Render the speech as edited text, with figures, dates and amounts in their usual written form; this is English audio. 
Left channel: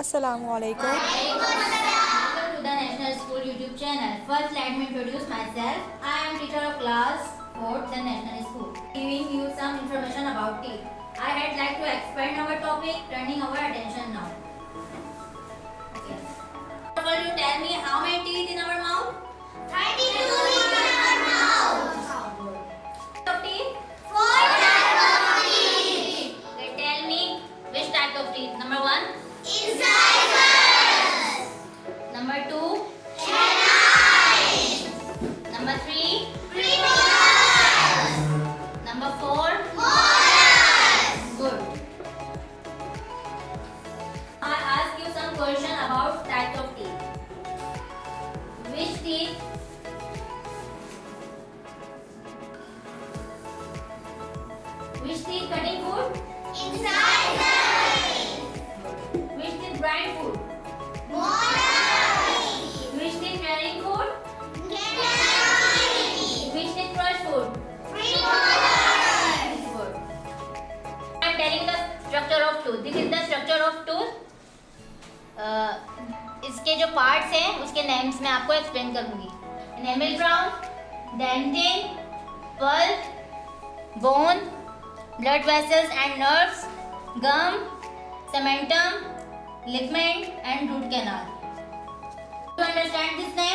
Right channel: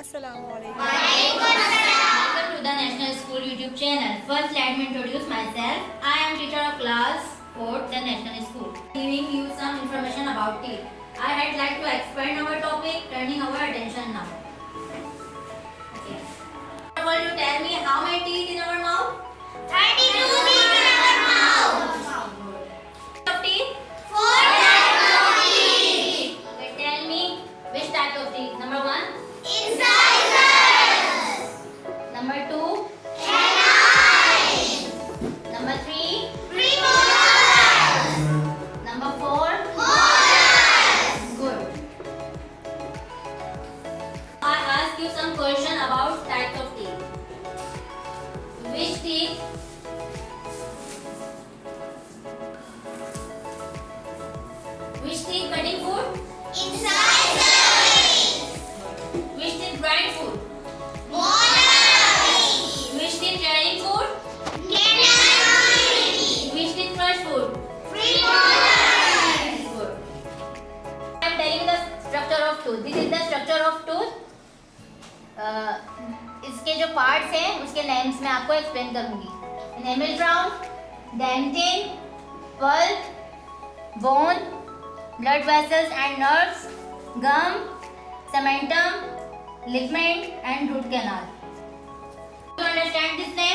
Assalamualaikum. Welcome to the National School YouTube channel. First, let me introduce myself. I am teacher of class 4th, the National School. Giving you some information about teeth. I had like to expand our topic, turning our attention now. Okay. First of all, you tell me how many teeth in our mouth? 32 teeth in our mouth. Of teeth? 4 types of teeth. Okay, tell me which type of teeth. Number 1. Incisors. Number 2. Canines. Number 3. Premolars. Number 4. Molars. Good. I ask you some question about types of teeth. Which teeth? Which teeth cutting food? Incisors. Which teeth grind food? Molars. Which teeth carrying food? Canines. Which teeth crush food? Premolars. Good. I am telling the structure of tooth. This is the structure of tooth. इसके जो parts हैं उसके names मैं आपको explain करूंगी. Enamel crown, dentin, pulp, bone, blood vessels and nerves, gum, cementum, ligament and root canal. Do you understand this name?